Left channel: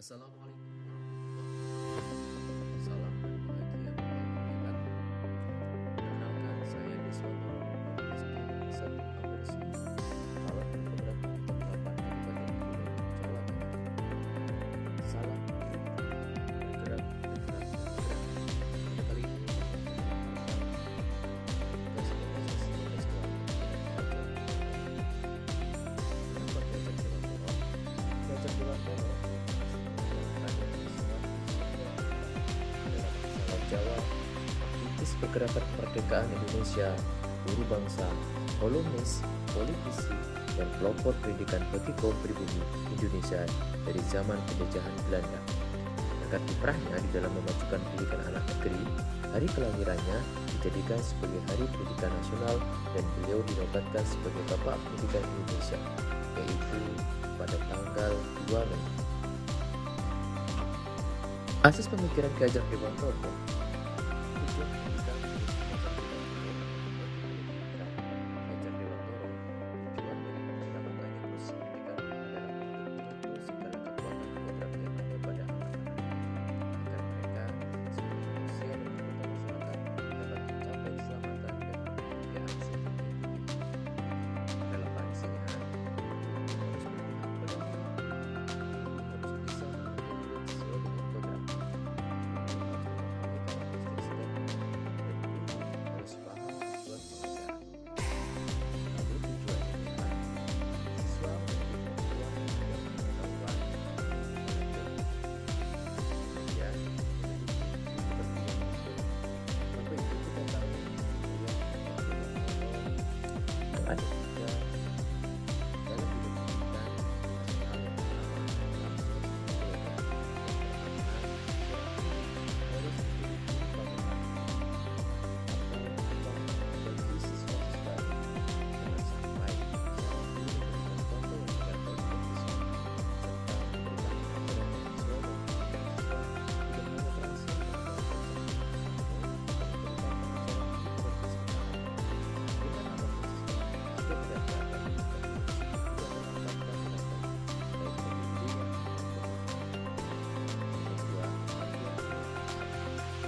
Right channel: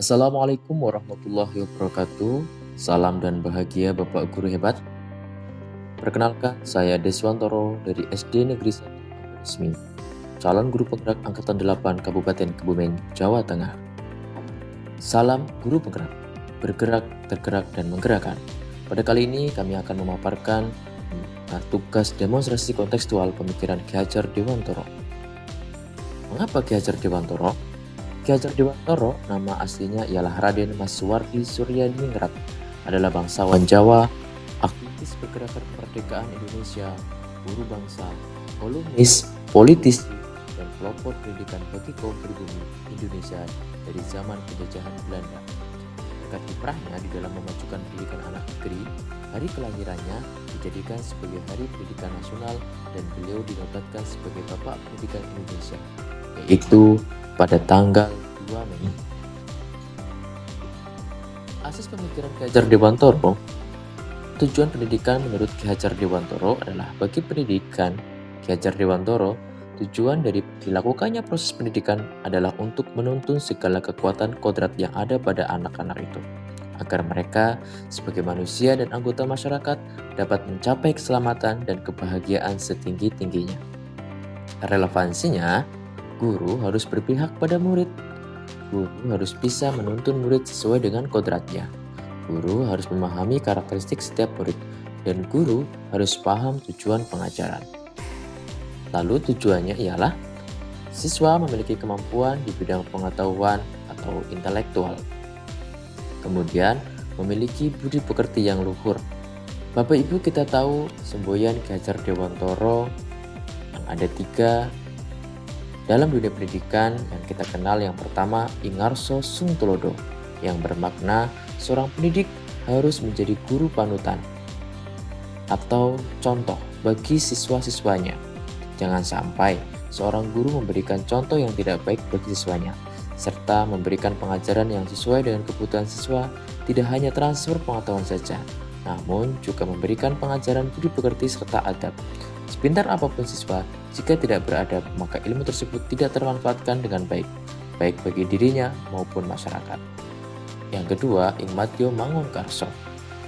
Assalamualaikum warahmatullahi wabarakatuh. Salam dan bahagia Bapak Guru hebat. Perkenalkan, saya Deswantoro dari SD Negeri 1 Resmi, calon guru penggerak Angkatan 8 Kabupaten Kebumen, Jawa Tengah. Salam guru penggerak, bergerak, tergerak, dan menggerakkan. Pada kali ini kami akan memaparkan tugas demonstrasi kontekstual pemikiran Ki Hajar Dewantoro. Mengapa Ki Hajar Dewantoro? Ki Hajar Dewantoro, nama aslinya ialah Raden Mas Suwardi Suryaningrat, adalah bangsawan Jawa, aktivis pergerakan kemerdekaan Indonesia, guru bangsa, kolumnis, politisi, dan pelopor pendidikan bagi kaum pribumi Indonesia dari zaman penjajahan Belanda. Berkat kiprahnya di dalam memajukan pendidikan anak negeri, hari kelahirannya dijadikan sebagai Hari Pendidikan Nasional dan beliau dinobatkan sebagai Bapak Pendidikan Indonesia, yaitu pada tanggal 2 Mei. Asis pemikiran Ki Hajar Dewantoro. Tujuan pendidikan menurut Ki Hajar Dewantoro adalah bagi pendidikan Ki Hajar Dewantoro, tujuan dari dilakukannya proses pendidikan adalah untuk menuntun segala kekuatan kodrat yang ada pada anak-anak itu, agar mereka sebagai manusia dan anggota masyarakat dapat mencapai keselamatan dan kebahagiaan setinggi-tingginya. Relevansinya, guru harus berpihak pada murid. Guru harus bisa menuntun murid sesuai dengan kodratnya. Guru harus memahami karakteristik setiap murid, dan guru harus paham tujuan pengajaran. Lalu tujuannya ialah siswa memiliki kemampuan di bidang pengetahuan atau intelektual. Kemudian memiliki budi pekerti yang luhur. Bapak Ibu, kita tahu semboyan Ki Hajar Dewantoro yang ada 3 dalam dunia pendidikan, yang kita kenal yang pertama Ingarso Sungtulodo, yang bermakna seorang pendidik harus menjadi guru panutan atau contoh bagi siswa-siswanya. Jangan sampai seorang guru memberikan contoh yang tidak baik bagi siswanya, serta memberikan pengajaran yang sesuai dengan kebutuhan siswa, tidak hanya transfer pengetahuan saja, namun juga memberikan pengajaran budi pekerti serta adab. Sepintar apapun siswa, jika tidak beradab, maka ilmu tersebut tidak termanfaatkan dengan baik, baik bagi dirinya maupun masyarakat. Yang kedua, Igmatio Mangunkarso,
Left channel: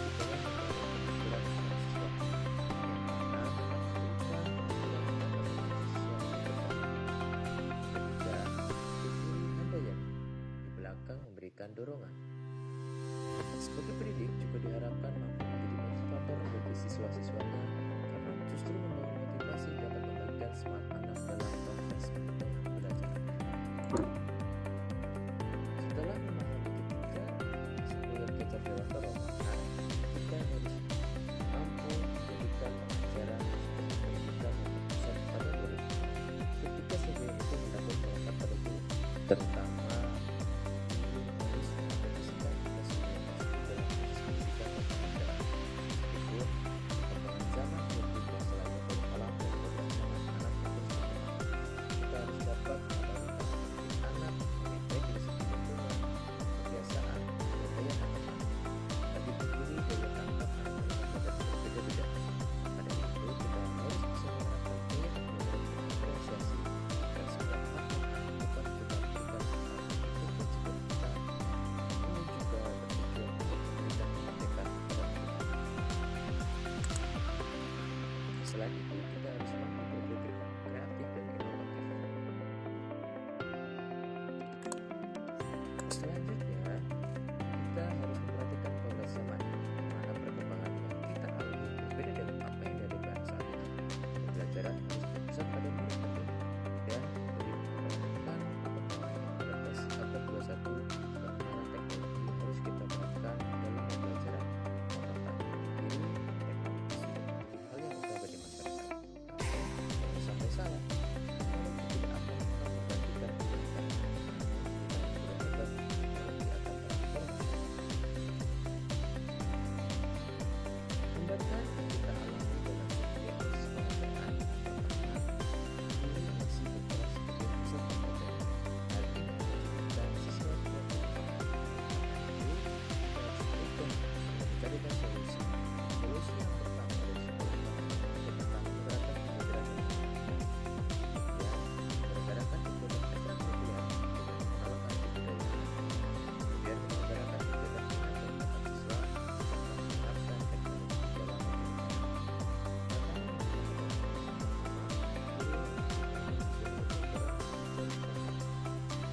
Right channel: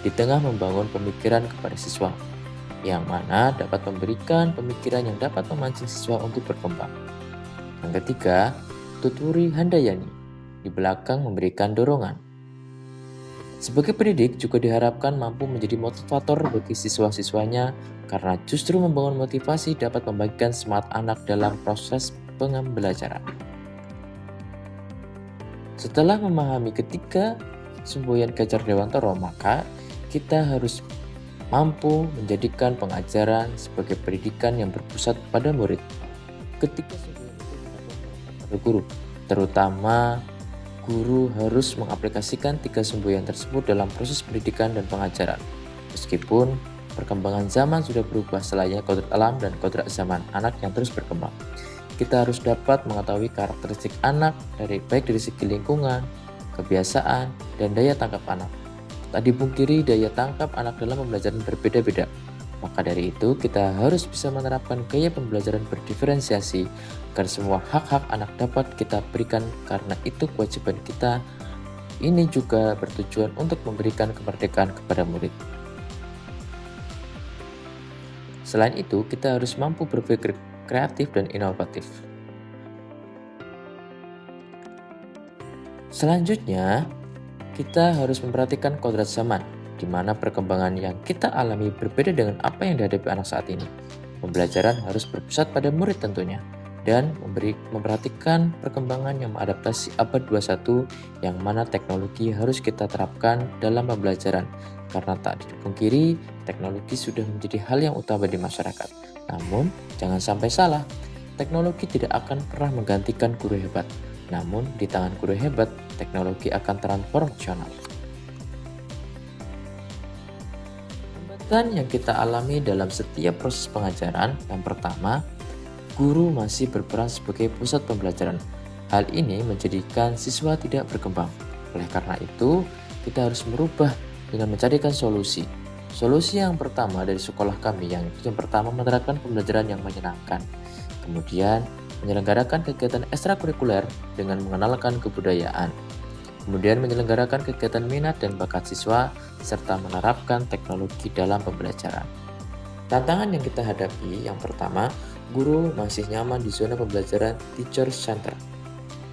di tengah membangun pemikiran kepada siswa, yang mana dapat memberikan pemikiran yang dapat memancing siswa untuk berkembang. Yang ketiga, Tuturi Handayani, di belakang memberikan dorongan. Sebagai pendidik juga diharapkan mampu menjadi motivator bagi siswa-siswanya, karena justru membangun motivasi dapat membagikan semangat anak dalam proses pembelajaran. Setelah memahami ketiga semboyan Ki Hajar Dewantoro, maka kita harus mampu menjadikan pengajaran sebagai pendidikan yang berpusat pada murid. Ketika semboyan itu mendapat pada guru, terutama guru harus mengaplikasikan 3 semboyan tersebut dalam proses pendidikan dan pengajaran. Meskipun perkembangan zaman sudah berubah selain kodrat alam dan kodrat zaman anak yang terus berkembang, kita harus dapat mengetahui karakteristik anak baik dari segi lingkungan, kebiasaan, dan daya tangkap anak. Tak dipungkiri daya tangkap anak dalam pembelajaran berbeda-beda. Maka dari itu kita harus bisa menerapkan gaya pembelajaran berdiferensiasi agar semua hak-hak anak dapat kita berikan, karena itu kewajiban kita. Ini juga bertujuan untuk memberikan kemerdekaan kepada murid. Selain itu, kita harus mampu berpikir kreatif dan inovatif. Selanjutnya, kita harus memperhatikan kodrat zaman, di mana perkembangan yang kita alami berbeda dengan apa yang dihadapi anak saat ini. Pembelajaran harus berpusat pada murid tentunya, dan memperhatikan perkembangan yang mengadaptasi abad 21, yang mana teknologi harus kita terapkan dalam pembelajaran, karena tak dipungkiri teknologi sudah menjadi hal yang utama di masyarakat. Namun, jangan sampai salah, teknologi tidak akan pernah menggantikan guru hebat. Namun, di tangan guru hebat, teknologi akan transformasional. Hambatan yang kita alami dalam setiap proses pengajaran, yang pertama, guru masih berperan sebagai pusat pembelajaran. Hal ini menjadikan siswa tidak berkembang. Oleh karena itu, kita harus merubah dengan mencarikan solusi. Solusi yang pertama dari sekolah kami yang pertama menerapkan pembelajaran yang menyenangkan. Kemudian menyelenggarakan kegiatan ekstrakurikuler dengan mengenalkan kebudayaan. Kemudian menyelenggarakan kegiatan minat dan bakat siswa, serta menerapkan teknologi dalam pembelajaran. Tantangan yang kita hadapi yang pertama, guru masih nyaman di zona pembelajaran teacher center.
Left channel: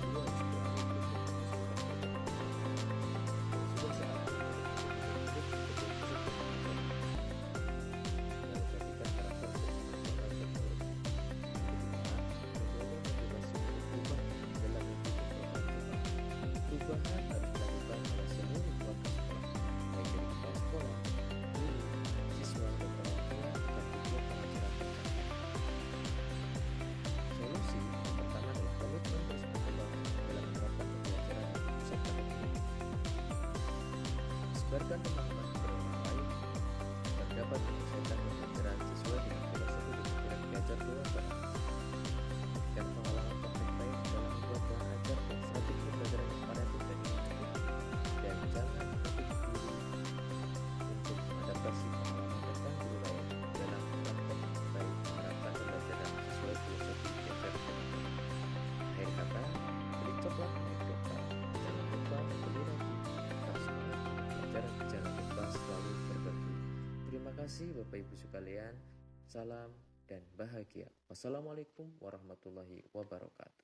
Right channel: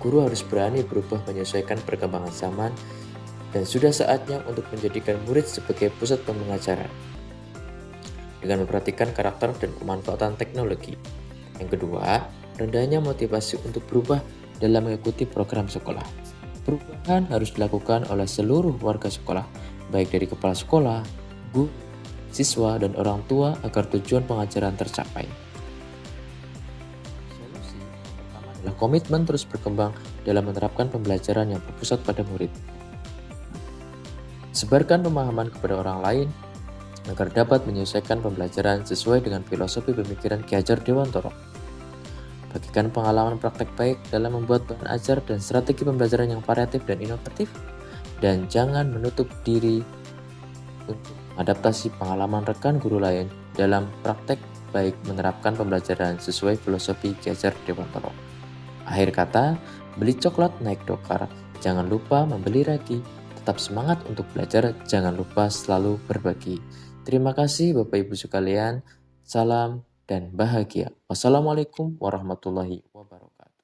Guru harus berani berubah menyesuaikan perkembangan zaman dan sudah saatnya untuk menjadikan murid sebagai pusat pembelajaran dengan memperhatikan karakter dan pemanfaatan teknologi. Yang kedua, rendahnya motivasi untuk berubah dalam mengikuti program sekolah. Perubahan harus dilakukan oleh seluruh warga sekolah, baik dari kepala sekolah, guru, siswa, dan orang tua agar tujuan pengajaran tercapai. Solusi yang pertama adalah komitmen terus berkembang dalam menerapkan pembelajaran yang berpusat pada murid. Sebarkan pemahaman kepada orang lain agar dapat menyelesaikan pembelajaran sesuai dengan filosofi pemikiran Ki Hajar Dewantara. Bagikan pengalaman praktek baik dalam membuat bahan ajar dan strategi pembelajaran yang variatif dan inovatif. Dan jangan menutup diri untuk adaptasi pengalaman rekan guru lain dalam praktek baik menerapkan pembelajaran sesuai filosofi Ki Hajar Dewantara. Akhir kata, beli coklat naik dokar, jangan lupa membeli ragi. Tetap semangat untuk belajar, jangan lupa selalu berbagi. Terima kasih Bapak Ibu sekalian, salam dan bahagia. Wassalamualaikum warahmatullahi wabarakatuh.